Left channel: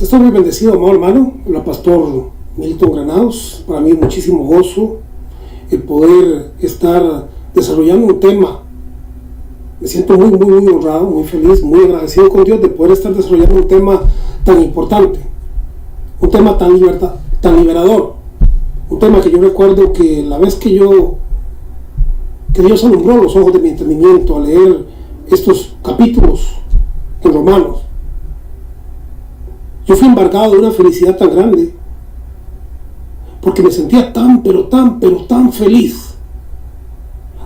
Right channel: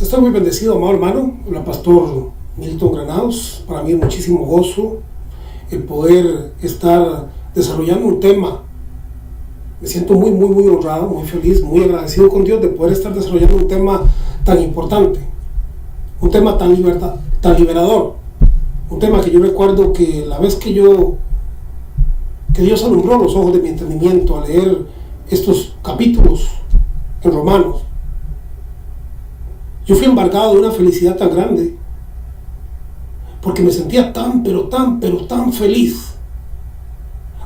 Estoy muy bendecido, amado hermano, la pastor Milton Granados. Para mí es muchísimo gozo el poder estar desarrollando un tema. Me siento muy honrado, muy feliz, muy agradecido con Dios de poder estar desarrollando un tema tan importante, un tema tan liberador, un tema que yo recuerdo que la vez que Dios alumbró los ojos de mi entendimiento al leer estos capítulos en Romanos, yo fui embargado de una felicidad tan grande, porque me sentía tan feliz.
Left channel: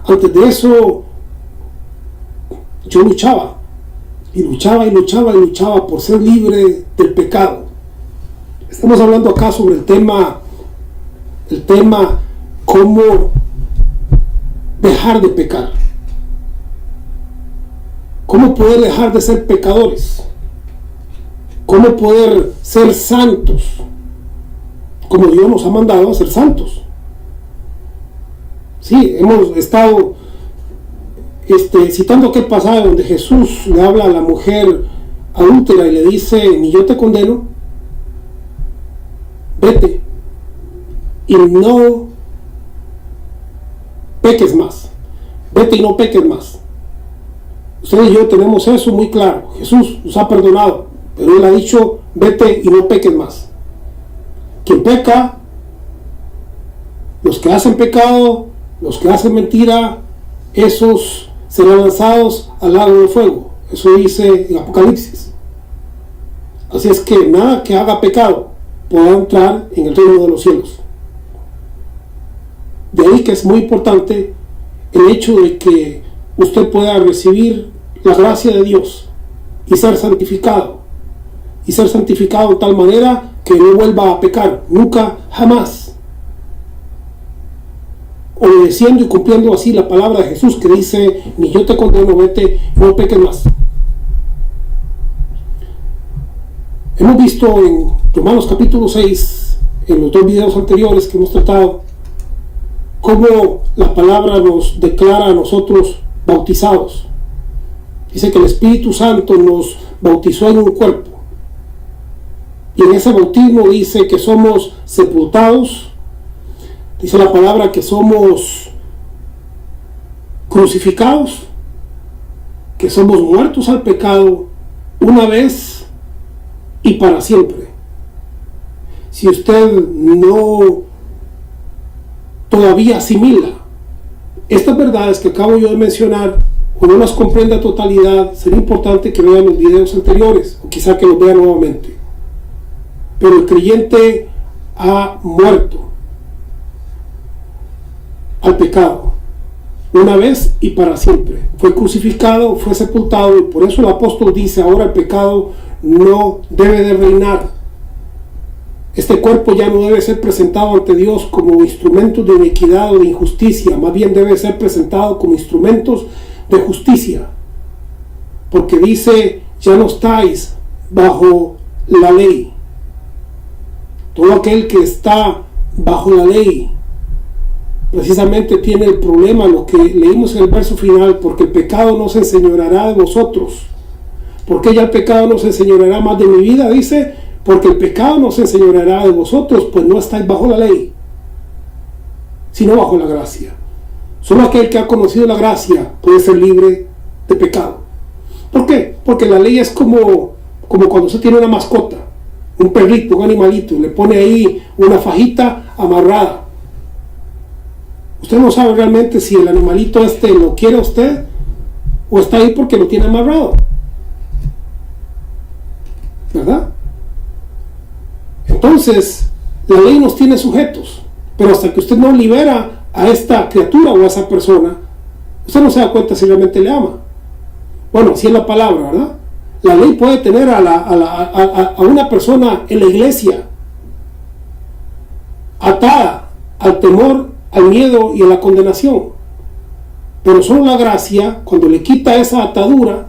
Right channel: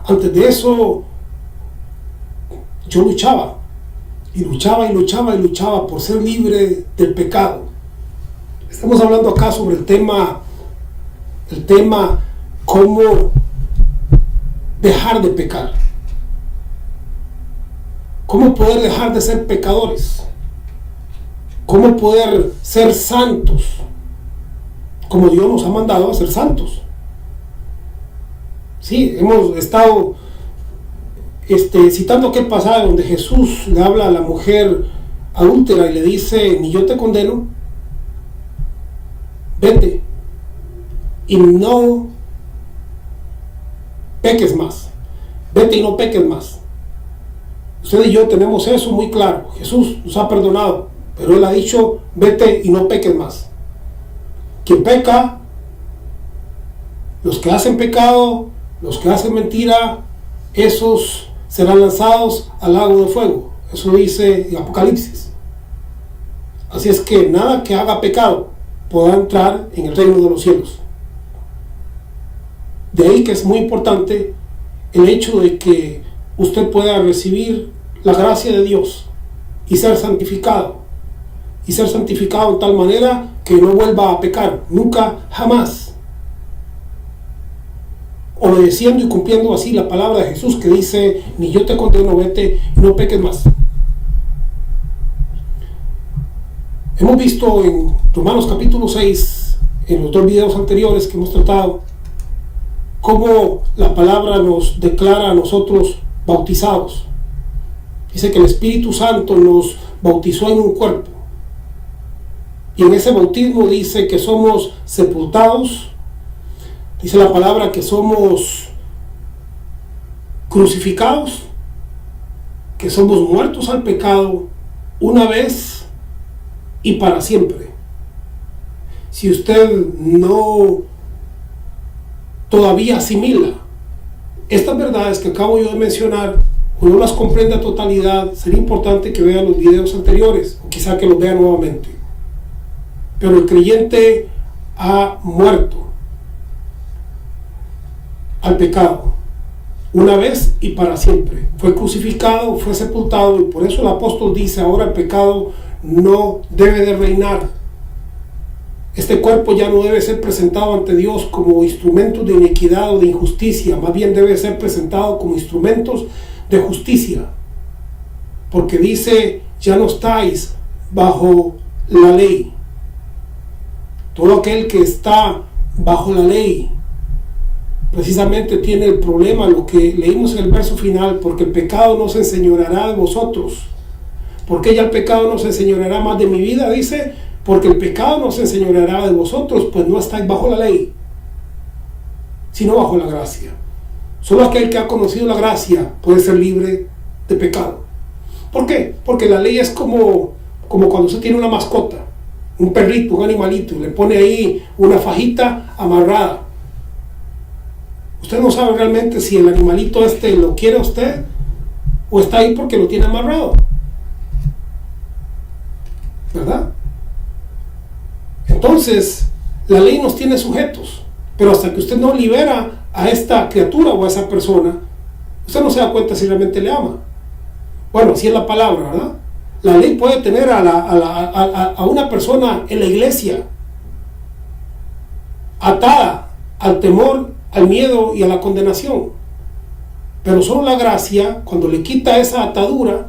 Antes de eso, yo luchaba por ser libre del pecado. Estamos hablando acá sobre el tema cómo dejar de pecar, cómo poder dejar de ser pecadores, cómo poder ser santos, como Dios nos ha mandado a ser santos. Sí, hemos estado citando aquel pasaje donde Jesús le habla a la mujer adúltera y le dice: ni yo te condeno, vete y no peques más, vete y no peques más. Usted y yo tenemos eso muy claro. Jesús nos ha perdonado, pero Él ha dicho: vete y no peques más. Quien peca, los que hacen pecado, los que hacen mentira, esos serán lanzados al lago de fuego. Eso dice en Apocalipsis. Así es que nada que haga pecado podrá entrar en el reino de los cielos. De ahí que es muy importante el hecho de que usted pueda recibir la gracia de Dios y ser santificado. Y ser santificado de tal manera que no vuelva a pecar, nunca, jamás. Obedeciendo y cumpliendo así la palabra de Jesús que dice: ni yo te condeno, vete y no peques más. Hemos visto en Romanos capítulo 6, en los dos videos anteriores que hemos tratado, cómo la palabra nos declara a nosotros bautizados. Dice que el Espíritu Santo nos bautizó en un cuerpo. Y en ese bautismo dice que somos sepultados. Dice la palabra que somos crucificados, que somos muertos al pecado una vez y para siempre. Si usted no todavía asimila estas verdades que acabo yo de mencionar o no las comprende a totalidad, sería importante que vea los videos anteriores o quizá que los vea nuevamente. Pero el creyente ha muerto al pecado una vez y para siempre. Fue crucificado, fue sepultado, y por eso el apóstol dice: ahora el pecado no debe de reinar. Este cuerpo ya no debe ser presentado ante Dios como instrumentos de iniquidad o de injusticia, más bien debe ser presentado como instrumentos de justicia, porque dice: ya no estáis bajo la ley. Todo aquel que está bajo la ley precisamente tiene el problema, lo que leímos en el verso final: porque el pecado no se enseñoreará de vosotros. ¿Por qué ya el pecado no se enseñoreará más de mi vida? Dice: porque el pecado no se enseñoreará de vosotros, pues no estáis bajo la ley, sino bajo la gracia. Solo aquel que ha conocido la gracia puede ser libre de pecado. ¿Por qué? Porque la ley es como cuando usted tiene una mascota, un perrito, un animalito, y le pone ahí una fajita amarrada. Usted no sabe realmente si el animalito lo quiere a usted o está ahí porque lo tiene amarrado, ¿verdad? Entonces, la ley nos tiene sujetos, pero hasta que usted no libera a esta criatura o a esa persona, usted no se da cuenta si realmente le ama. Bueno, así es la palabra, ¿verdad? La ley puede tener a una persona en la iglesia atada al temor, al miedo y a la condenación, pero solo la gracia, cuando le quita esa atadura,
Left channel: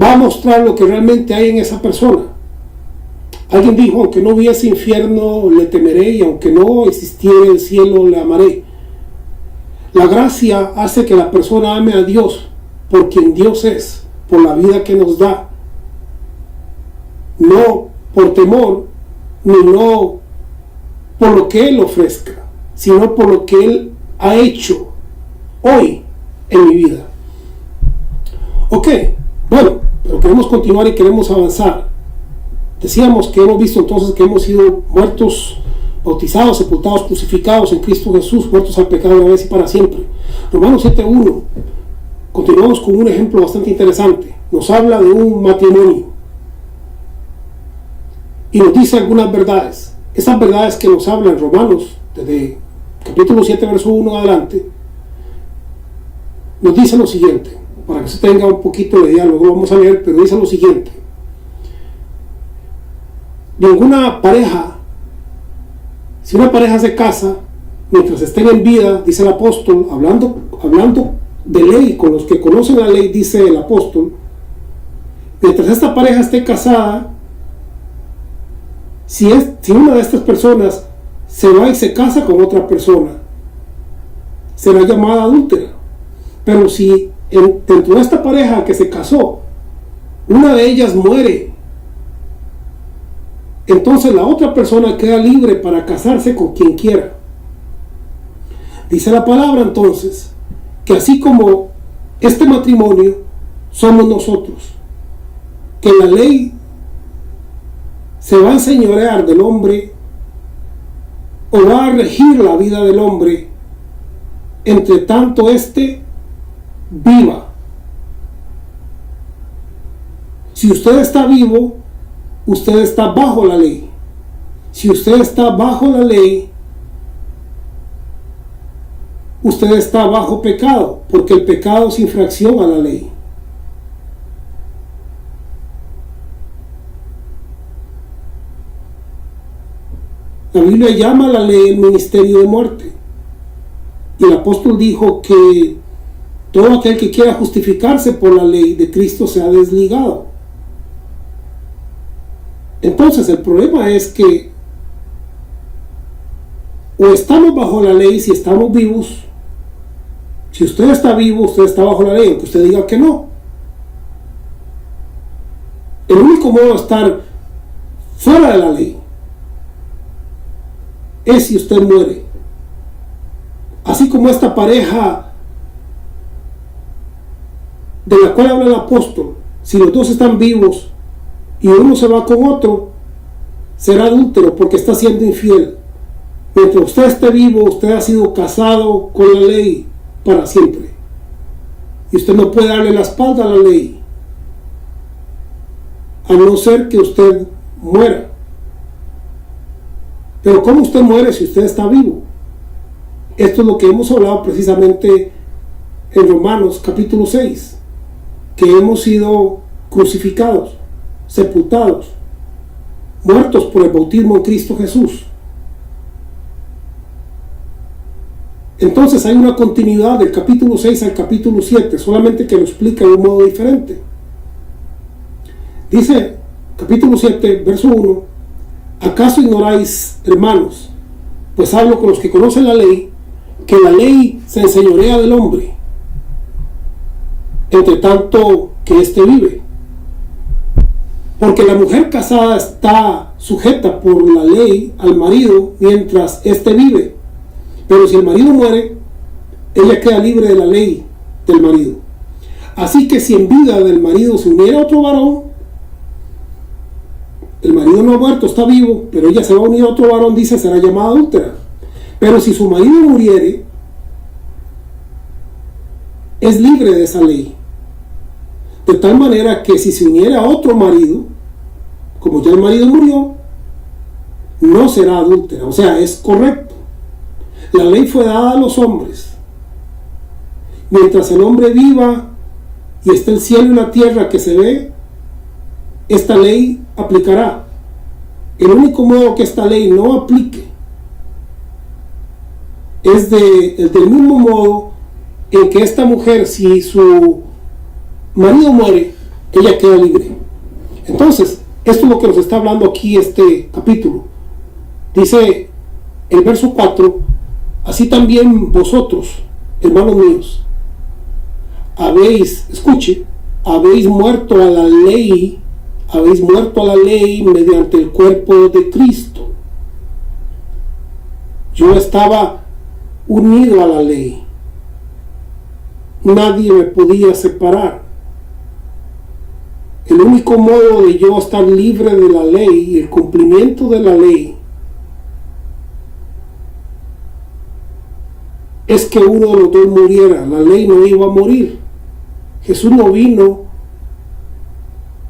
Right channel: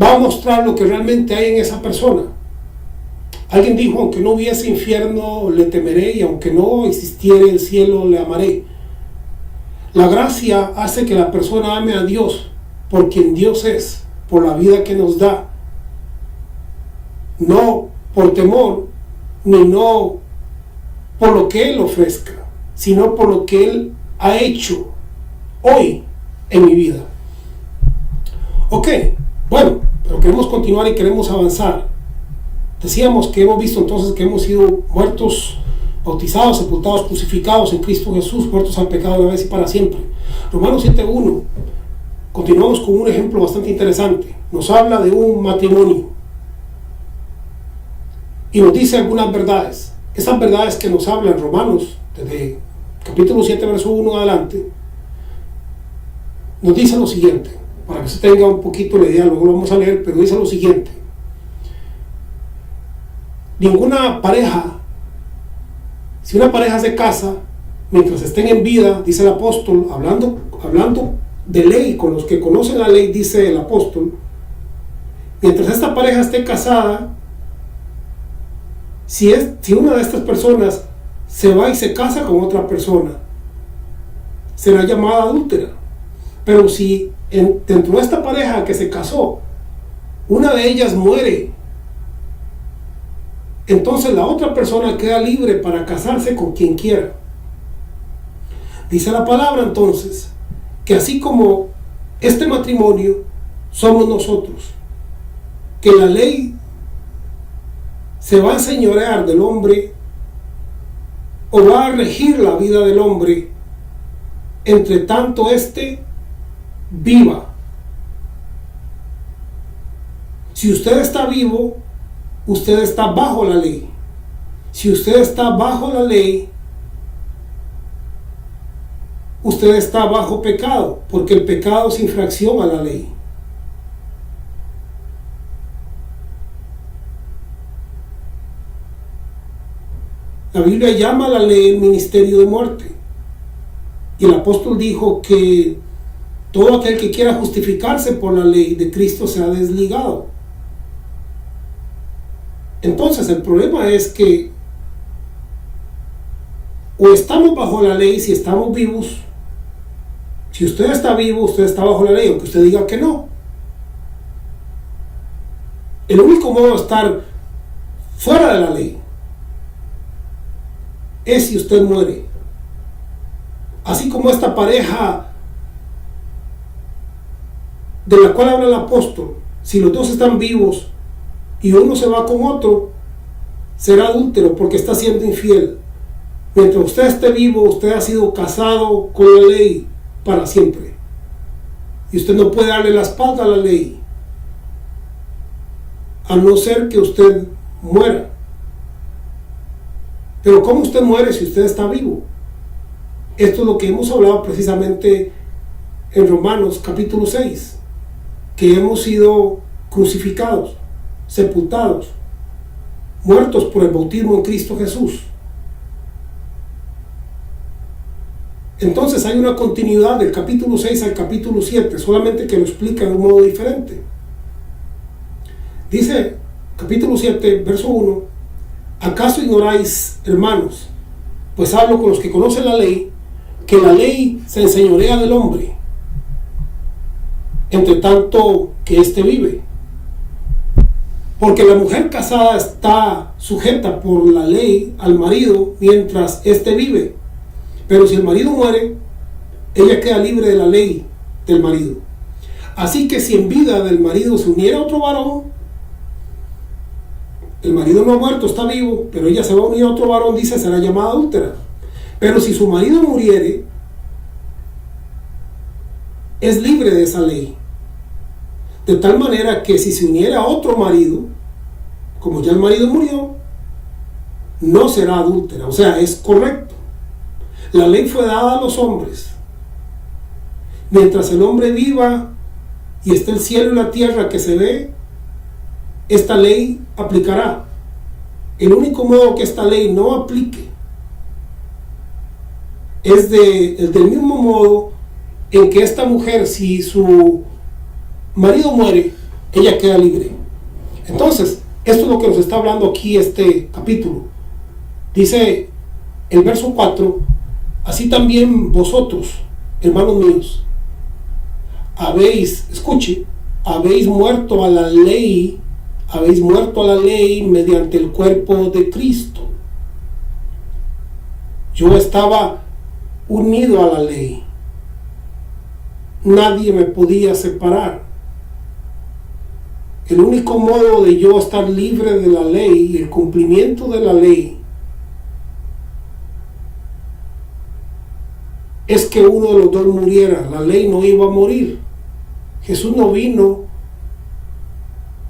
va a mostrar lo que realmente hay en esa persona. Alguien dijo: aunque no hubiese infierno, le temeré, y aunque no existiera el cielo, le amaré. La gracia hace que la persona ame a Dios por quien Dios es, por la vida que nos da. no por temor, ni no por lo que Él ofrezca, sino por lo que Él ha hecho hoy en mi vida. Ok, bueno, pero queremos continuar y queremos avanzar. Decíamos que hemos visto entonces que hemos sido muertos, bautizados, sepultados, crucificados en Cristo Jesús, muertos al pecado una vez y para siempre. Romanos 7:1. Continuamos con un ejemplo bastante interesante. Nos habla de un matrimonio y nos dice algunas verdades. Esas verdades que nos habla en Romanos, desde capítulo 7, verso 1 adelante, nos dice lo siguiente, para que se tenga un poquito la idea, luego lo vamos a leer, pero dice lo siguiente: ninguna pareja, si una pareja se casa, mientras estén en vida, dice el apóstol, hablando de ley, con los que conocen la ley, dice el apóstol, mientras esta pareja esté casada, si una de estas personas se va y se casa con otra persona, será llamada adúltera. Pero si dentro de esta pareja que se casó, una de ellas muere, entonces la otra persona queda libre para casarse con quien quiera. Dice la palabra entonces que así como este matrimonio somos nosotros, que la ley se va a enseñorear del hombre o va a regir la vida del hombre, entre tanto éste viva. Si usted está vivo, usted está bajo la ley. Si usted está bajo la ley, usted está bajo pecado, porque el pecado es infracción a la ley. La Biblia llama a la ley el ministerio de muerte. Y el apóstol dijo que todo aquel que quiera justificarse por la ley de Cristo se ha desligado. Entonces el problema es que o estamos bajo la ley si estamos vivos. Si usted está vivo, usted está bajo la ley, aunque usted diga que no. El único modo de estar fuera de la ley es si usted muere. Así como esta pareja de la cual habla el apóstol, si los dos están vivos y uno se va con otro, será adúltero porque está siendo infiel. Mientras usted esté vivo, usted ha sido casado con la ley para siempre. Y usted no puede darle la espalda a la ley, a no ser que usted muera. Pero ¿cómo usted muere si usted está vivo? Esto es lo que hemos hablado precisamente en Romanos capítulo 6, que hemos sido crucificados, sepultados, muertos por el bautismo en Cristo Jesús. Entonces hay una continuidad del capítulo 6 al capítulo 7, solamente que lo explica de un modo diferente. Dice capítulo 7, verso 1: ¿acaso ignoráis, hermanos, pues hablo con los que conocen la ley, que la ley se enseñorea del hombre, entre tanto que éste vive? Porque la mujer casada está sujeta por la ley al marido mientras éste vive. Pero si el marido muere, ella queda libre de la ley del marido. Así que si en vida del marido se uniera otro varón, el marido no ha muerto, está vivo, pero ella se va a unir a otro varón, dice, será llamada adúltera. Pero si su marido muriere, es libre de esa ley. De tal manera que si se uniera a otro marido, como ya el marido murió, no será adúltera. O sea, es correcto. La ley fue dada a los hombres. Mientras el hombre viva y esté el cielo y la tierra que se ve, esta ley aplicará. El único modo que esta ley no aplique es del mismo modo en que esta mujer, si su marido muere, ella queda libre. Entonces, esto es lo que nos está hablando aquí este capítulo. Dice el verso 4: así también vosotros, hermanos míos, habéis muerto a la ley habéis muerto a la ley mediante el cuerpo de Cristo. Yo estaba unido a la ley. Nadie me podía separar. El único modo de yo estar libre de la ley y el cumplimiento de la ley es que uno de los dos muriera. La ley no iba a morir. Jesús no vino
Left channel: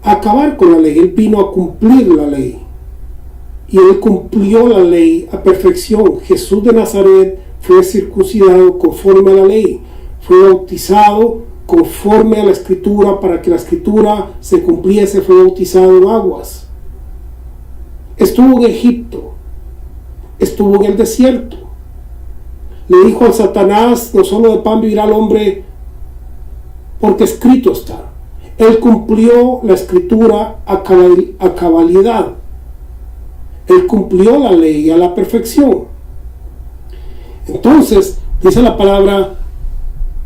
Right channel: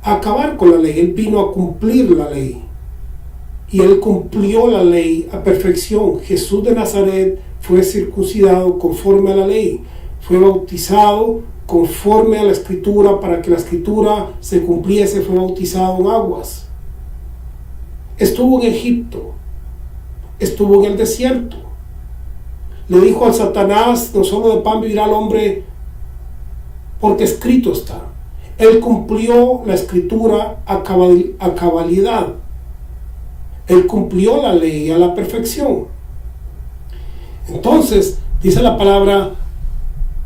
a acabar con la ley, Él vino a cumplir la ley. Y Él cumplió la ley a perfección. Jesús de Nazaret fue circuncidado conforme a la ley. Fue bautizado conforme a la Escritura para que la Escritura se cumpliese. Fue bautizado en aguas. Estuvo en Egipto. Estuvo en el desierto. Le dijo al Satanás: no solo de pan vivirá el hombre, porque escrito está. Él cumplió la Escritura a cabalidad. Él cumplió la ley a la perfección. Entonces, dice la palabra:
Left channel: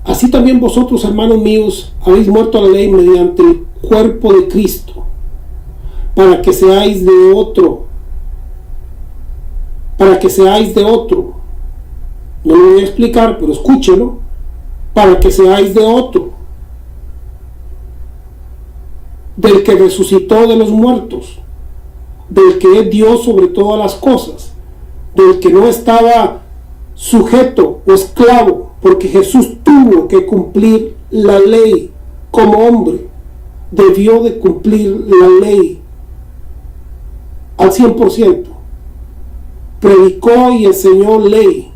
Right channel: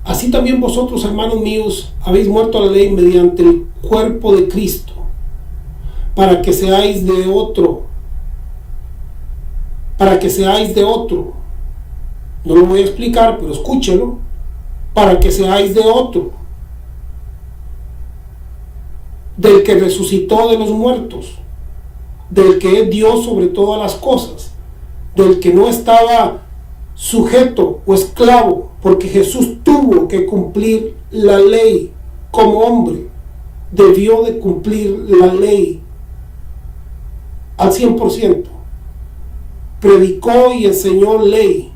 así también vosotros, hermanos míos, habéis muerto a la ley mediante el cuerpo de Cristo, para que seáis de otro. Para que seáis de otro. No lo voy a explicar, pero escúchelo. Para que seáis de otro. Del que resucitó de los muertos. Del que es Dios sobre todas las cosas. Del que no estaba sujeto o esclavo, porque Jesús tuvo que cumplir la ley como hombre. Debió de cumplir la ley al 100%. Predicó y enseñó ley.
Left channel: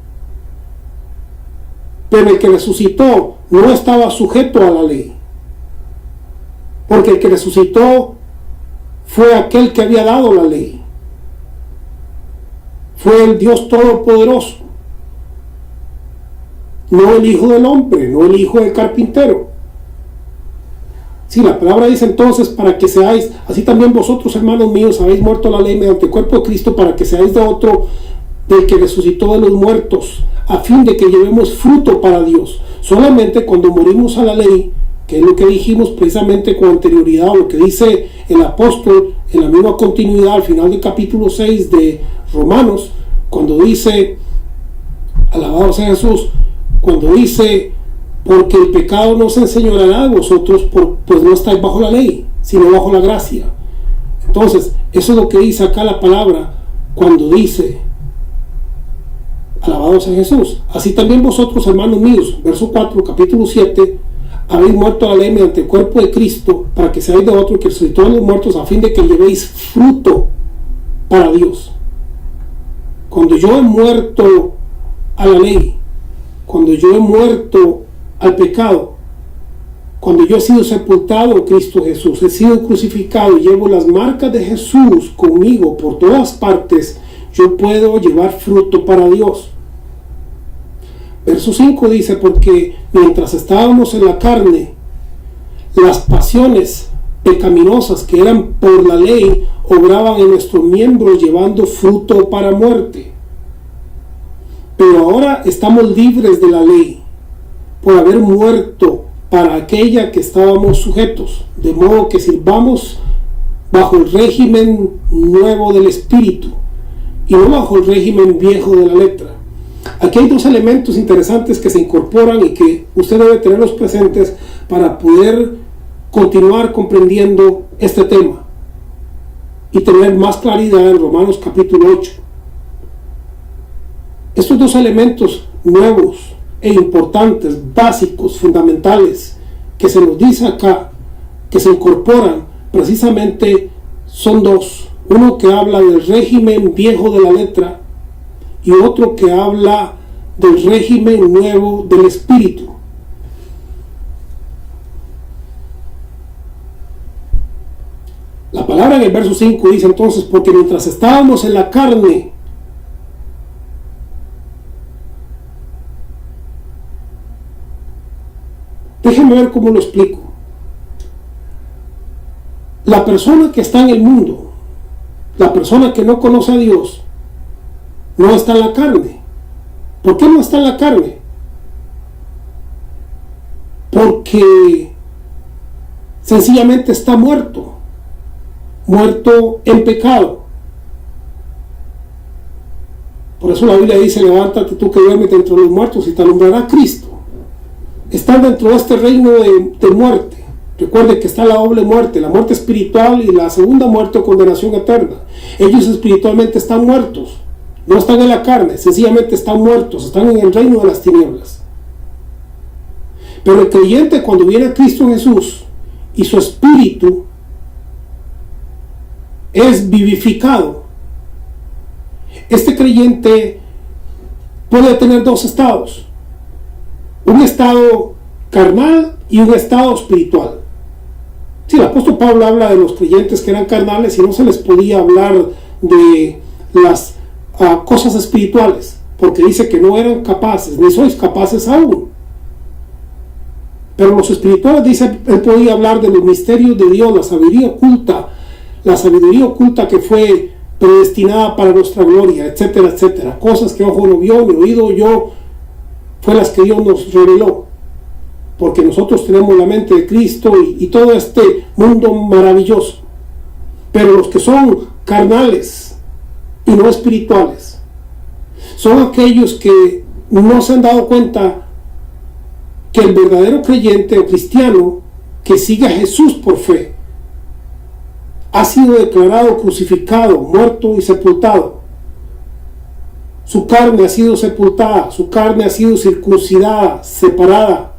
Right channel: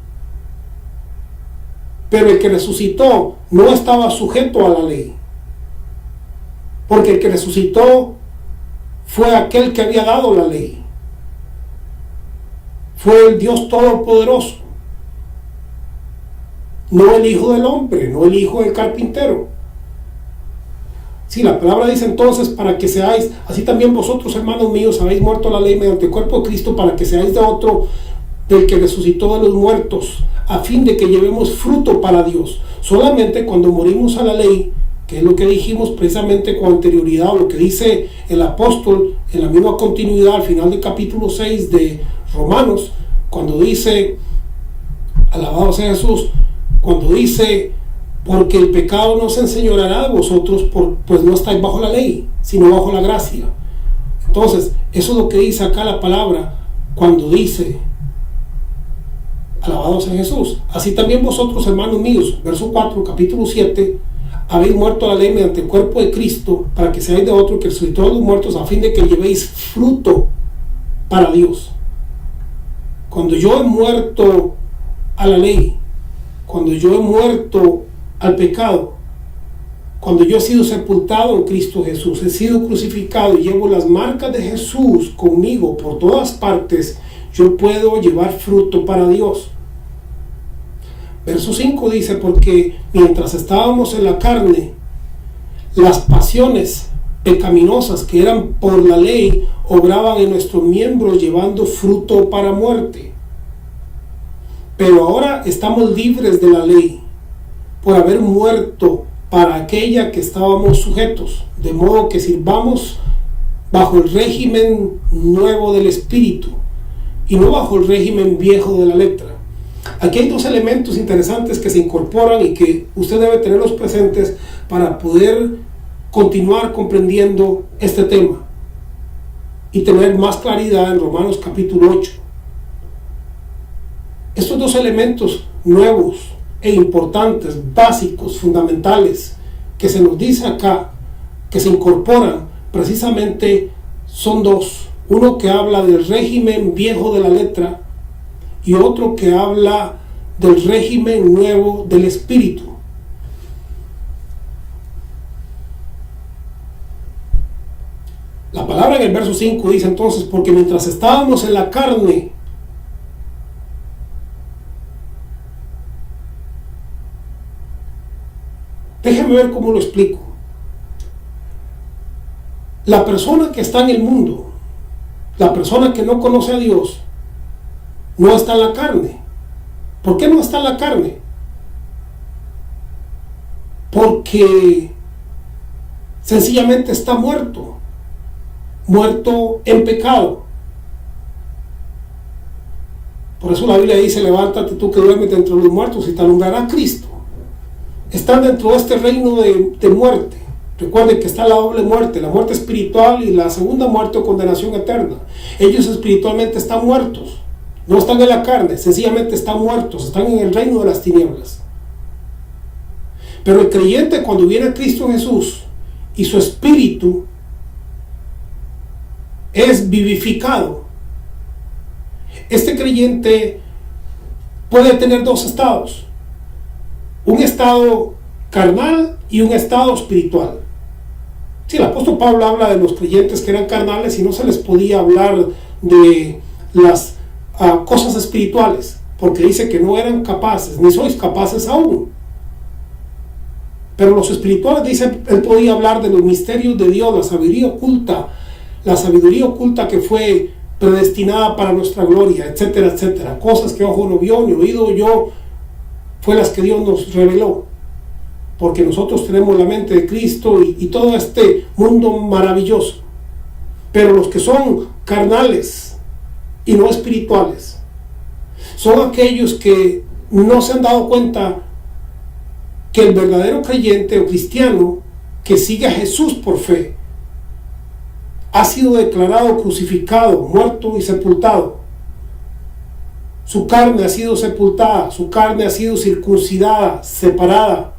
Pero el que resucitó no estaba sujeto a la ley. Porque el que resucitó fue aquel que había dado la ley. Fue el Dios Todopoderoso. No el Hijo del Hombre, no el Hijo del Carpintero. Sí, la palabra dice entonces: para que seáis, así también vosotros, hermanos míos, habéis muerto a la ley mediante el cuerpo de Cristo, para que seáis de otro, del que resucitó de los muertos, a fin de que llevemos fruto para Dios. Solamente cuando morimos a la ley, que es lo que dijimos precisamente con anterioridad, o lo que dice el apóstol en la misma continuidad al final del capítulo 6 de Romanos, cuando dice, alabado sea Jesús, cuando dice: porque el pecado no se enseñoreará de vosotros, pues no estáis bajo la ley, sino bajo la gracia. Entonces, eso es lo que dice acá la palabra cuando dice: alabado sea Jesús. Así también vosotros, hermanos míos, verso 4, capítulo 7, habéis muerto a la ley mediante el cuerpo de Cristo, para que seáis de otro, que resucitó de los muertos, a fin de que llevéis fruto para Dios. Cuando yo he muerto a la ley, cuando yo he muerto al pecado, cuando yo he sido sepultado en Cristo Jesús, he sido crucificado y llevo las marcas de Jesús conmigo por todas partes, yo puedo llevar fruto para Dios. Verso 5 dice: porque mientras estábamos en la carne, las pasiones pecaminosas que eran por la ley obraban en nuestros miembros, llevando fruto para muerte. Pero ahora estamos libres de la ley, por haber muerto para aquella que estábamos sujetos, de modo que sirvamos bajo el régimen nuevo del Espíritu, y no bajo el régimen viejo de la letra. Aquí hay dos elementos interesantes que se incorporan y que usted debe tenerlos presentes para poder continuar comprendiendo este tema y tener más claridad en Romanos capítulo 8. Estos dos elementos nuevos e importantes, básicos, fundamentales, que se nos dice acá, que se incorporan precisamente, son dos. Uno que habla del régimen viejo de la letra y otro que habla del régimen nuevo del Espíritu. La palabra en el verso 5 dice entonces: porque mientras estábamos en la carne, déjenme ver cómo lo explico. La persona que está en el mundo, la persona que no conoce a Dios, no está en la carne. ¿Por qué no está en la carne? Porque sencillamente está muerto. muerto en pecado. Por eso la Biblia dice: levántate tú que duermes entre los muertos y te alumbrará Cristo. Están dentro de este reino de muerte. Recuerden que está la doble muerte, la muerte espiritual y la segunda muerte o condenación eterna. Ellos espiritualmente están muertos, no están en la carne, sencillamente están muertos, están en el reino de las tinieblas. Pero el creyente, cuando viene a Cristo Jesús y su espíritu es vivificado, este creyente puede tener dos estados: un estado carnal y un estado espiritual. Sí, el apóstol Pablo habla de los creyentes que eran carnales y no se les podía hablar de las cosas espirituales, porque dice que no eran capaces, ni sois capaces aún. Pero los espirituales, dice, él podía hablar de los misterios de Dios, la sabiduría oculta que fue predestinada para nuestra gloria, etcétera, etcétera. Cosas que ojo no vio, ni oído oyó, fue las que Dios nos reveló. Porque nosotros tenemos la mente de Cristo y todo este mundo maravilloso. Pero los que son carnales y no espirituales son aquellos que no se han dado cuenta que el verdadero creyente o cristiano que sigue a Jesús por fe ha sido declarado crucificado, muerto y sepultado. Su carne ha sido sepultada, su carne ha sido circuncidada, separada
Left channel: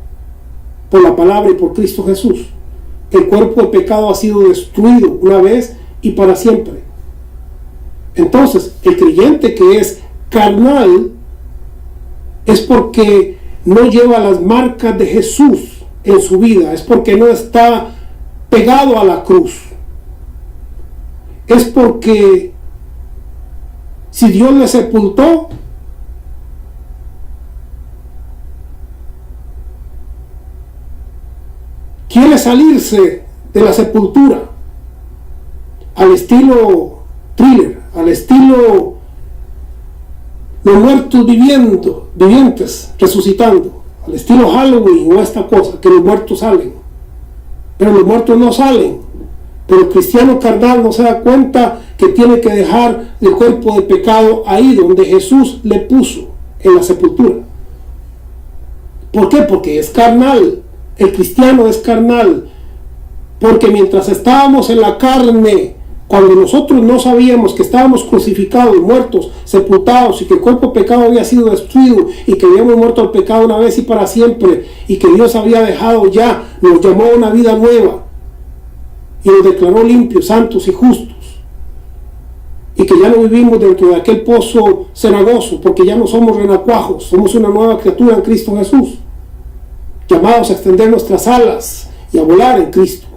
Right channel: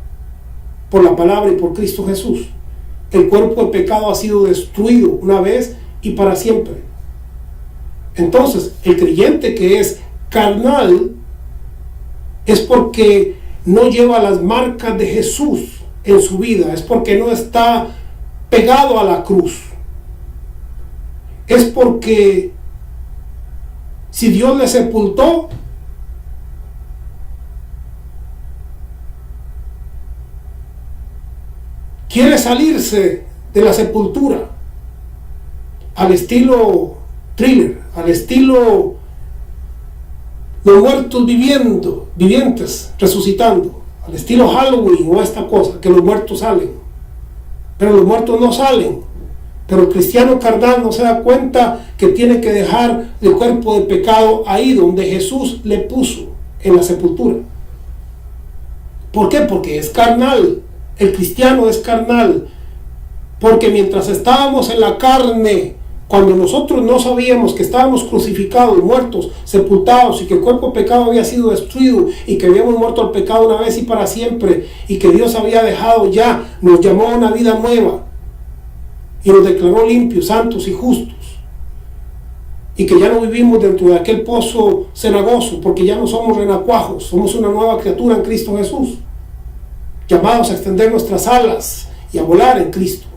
por la palabra y por Cristo Jesús. El cuerpo de pecado ha sido destruido una vez y para siempre. Entonces, el creyente que es carnal es porque no lleva las marcas de Jesús en su vida, es porque no está pegado a la cruz, es porque si Dios le sepultó, quiere salirse de la sepultura al estilo Thriller, al estilo los muertos vivientes resucitando, al estilo Halloween o esta cosa, que los muertos salen. Pero los muertos no salen. Pero el cristiano carnal no se da cuenta que tiene que dejar el cuerpo de pecado ahí donde Jesús le puso, en la sepultura. ¿Por qué? Porque es carnal. El cristiano es carnal. Porque mientras estábamos en la carne, cuando nosotros no sabíamos que estábamos crucificados, muertos, sepultados, y que el cuerpo de pecado había sido destruido, y que habíamos muerto al pecado una vez y para siempre, y que Dios había dejado ya, nos llamó a una vida nueva, y nos declaró limpios, santos y justos, y que ya no vivimos dentro de aquel pozo cenagoso, porque ya no somos renacuajos, somos una nueva criatura en Cristo Jesús, llamados a extender nuestras alas y a volar en Cristo.